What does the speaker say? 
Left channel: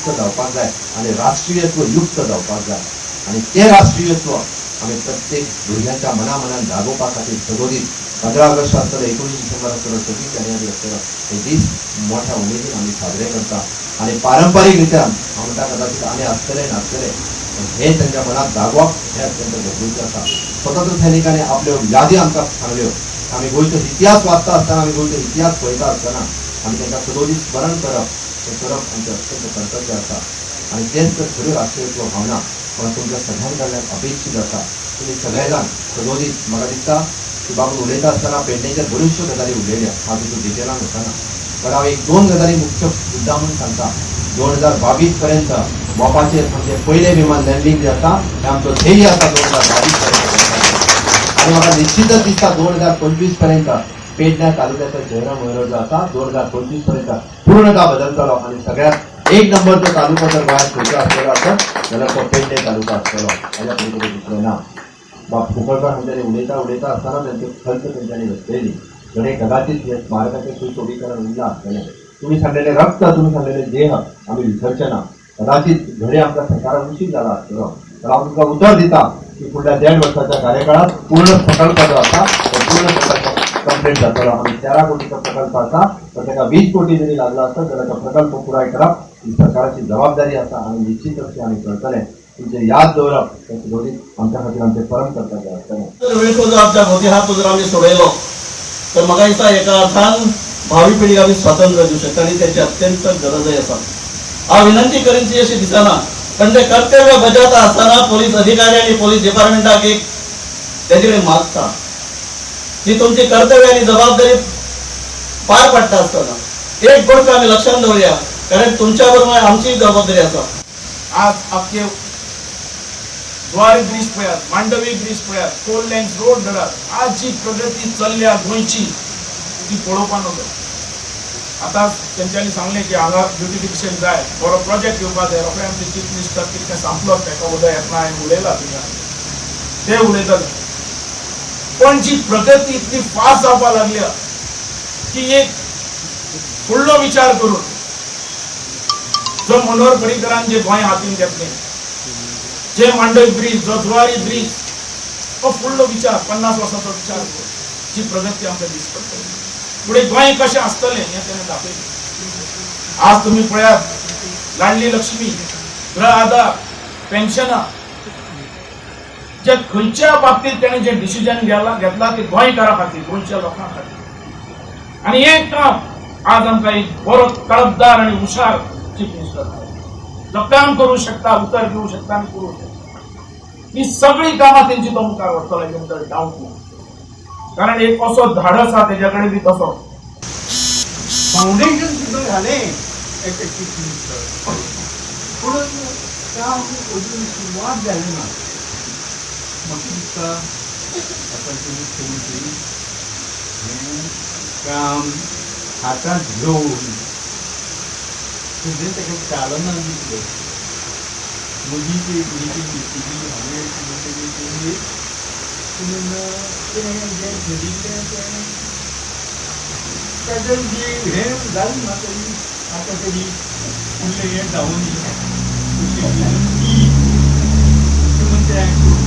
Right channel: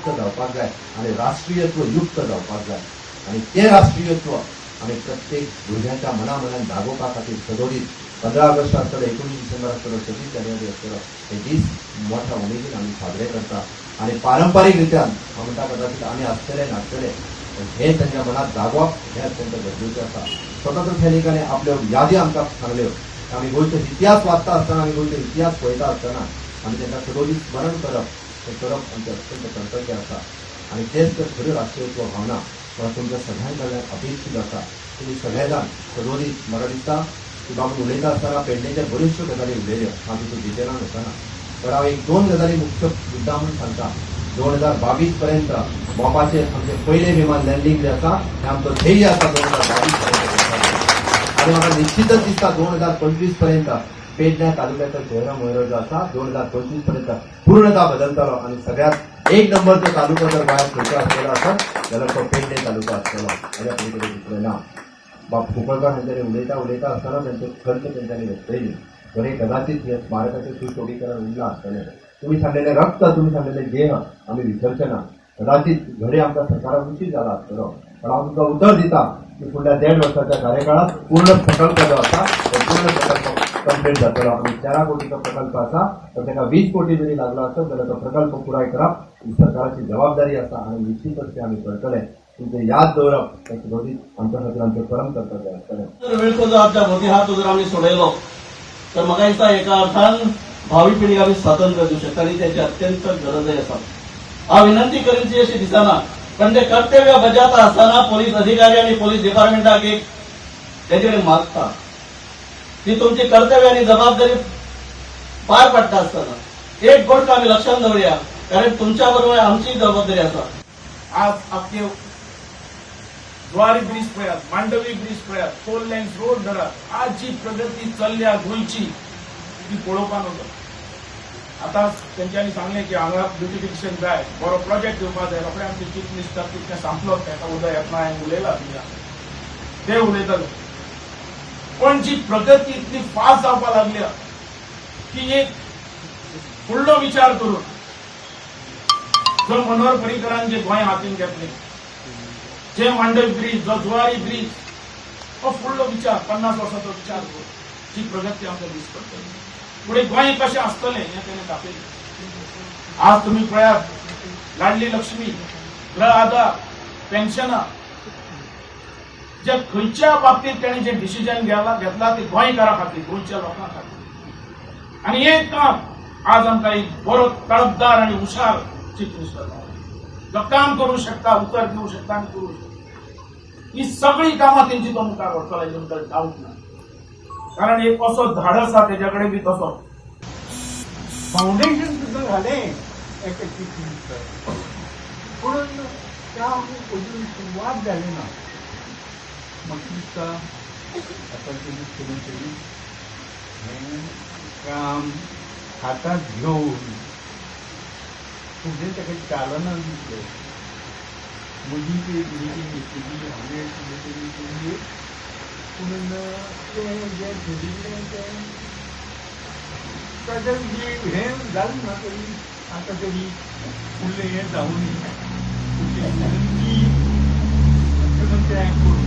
मुक्त जावपाक जाय आणि राष्ट्रीयत्व युक्त जावपाक जाय आणि ते राष्ट्रीयत्व आमी प्रत्येक भुरग्यांच्या मनामनान जागोवपा खातीर सदोदीत 15 ऑगस्ट आसतलो 19 डिसेंबर आसतलो 26 जानेवारी आसतलो हे दीस मोठ्या उमेदीन आमी साजरे करता आणि पारंपारीक रित्यान हांव म्हणटा कदाचित आमी आसतले नासतले हे त्यांच्या मनात जागोवप हे अत्यंत गरजेचें आसा स्वतंत्र सैनिकांनी आपल्यो यादी आमकां सांगल्यो आमी गोंयचो इतिहास वाचता आसतना आमी गोंयचो इतिहास पळयता आसतना आमी तांकां सदोदीत स्मरण करप हें करप आमचें अत्यंत कर्तव्य आसा आणि तेच तर खऱ्यो राष्ट्रीयत्व भावना म्हाका तुमच्या सगळ्यां कडल्यान अपेक्षीत आसा तुमी सगळे जाण सदोदीत म्हाका दिसता की बाबा उलयता आसतना पेडणेच्या बऱ्योचश्यो गजाली उलयल्या हांव तितून डिटेलान वचना पण हांव एक दोन गजाली मुख्य मुद्दा म्हणून सांगता 2022 पर्यंत मोपाचेर आमचे पयले विमान लँडिंग जाता हें आमचो ध्येय आसा 2022 पर्यंत आणि म्हाका निश्चितच दिसता 2025 पर्यंत पेडण्या तालुक्याचो चेहरा मोहरा जो आसा 2025 पर्यंत पूर्णतः बदलतलो आणि सगळ्यात एक नंबरचो तालुको जर गोंयांत खंयचो आसतलो आसत जाल्यार तो पेडणे तालुको आसतलो हाज्या पयलीं दुसरें ना बाब कुंकळकर हांच्यानी उलयता आसतना तांचे खंत तेंच्यांनी व्यक्तयली जणे कदाचित हे स्मारकाचें सुशोभीकरण उरलां आसतलें तुम्ही सांगलेले रक्त तुम्ही सांगलेले देह आम्ही विसरचे ना कदाचित घडे आमचा सरकारान उशीर झाला असतो पण हांव तुमकां उतर दिता की फुडल्या 1.5 वर्साच्या कार्यकाळात पूर्ण प्रकल्प जो आसा तो पूर्ण प्रकल्प कंप्लीट जातलो आनी 13 कोटीचो प्रकल्प आसा तर ताका 20 कोटी जरी लागला आसत जाल्यार तो प्रकल्प पुराय करप ही सरकाराची जबाबदारी आसा आनी निश्चितच ते आमी करतले तुमचे याद दवरप ते सुदोरीत आमच्या खातीर आमचे परम कर्तव्य आसतलें वेळको जर आमच्या भोवती हात जर आमी सोडयलो तर म्हाका दिसता एका अर्थान भावी पिढीक आमी स्वातंत्र्य दिवं शकता आणि त्याची अत्यंत गरजय आसा हांव विनंती करीन ती अशी दिसना पण ते कर्तव्य बजावता असताना पोलीस अधिकारी आणि पोलीस डिपार्टमेंटाक एक तेजे कडेन मागता ती तुमची कर्तव्य आणि जबाबदारी पार पडटा असताना एक गोष्ट आमी लक्षात दवरया कारण तुमच्या बरोबर आमची जबाबदारी आसा आज आपले द्वारी ब्रिज पळयात मांडवी ब्रिज पळयात 4 लेन्स रोड धरात आज जी प्रगती चल्ल्या गोंयची ती पळोवपा नजो आता तेंच्यांनी सांगले की हांगा ब्युटिफिकेशन जाय बरो प्रोजेक्ट येवपा जाय रोखडे आमचे चीफ मिनिस्टर कितें सांगलो ताका उदय येतना हांवें उलयला ते उलयताले पण जी प्रगती इतली फास्ट जावपा लागल्या की एक फुडलो विचार करून जो मनोहर पर्रीकरान जे गोंय हातीन घेतलें जे मांडवी ब्रिज जो जुवारी ब्रिज तो फुडलो विचार 50 वर्साचो विचार जी प्रगती आमकां दिसता पुढे गोंय कशें आसतलें हें तेणें दाखयलें आज तुमी पळयात लाडली लक्ष्मी गृह आधार पेन्शनां जे खंयच्या बाबतींत तेणें जे डिसिजन घेतला ते गोंयकारां खातीर गोंयच्या लोकां खातीर आनी एक काम आज आमकां एक बरो तळपदार आनी हुशार चीफ मिनिस्टर जो काम करूं शकता उतर दिवं शकता आनी करूं शकता ही सगळी कामां तेंची तो मुखार व्हरतलो हेजे भितर डावट ना कारण एक असो धाडस आहा तेजे कडेन बी तसो फाउंडेशन सुद्दां घालें एक चीफ मिनिस्टर पूण काम अजून सुरवात जाली ना म्हाका दिसता आतांचे मुख्यमंत्री हें काम हातांत घेवन फुडें ताका चालना दिसलें म्हजी ती मिटींग घेतली हांवें मिटींग पूण तें जें ठरिल्लें तें ताचें जी हें जालें ना तरी आतां तरी फुडलें हें जावं न्ही अशी विनंती मुख्यमंत्र्याक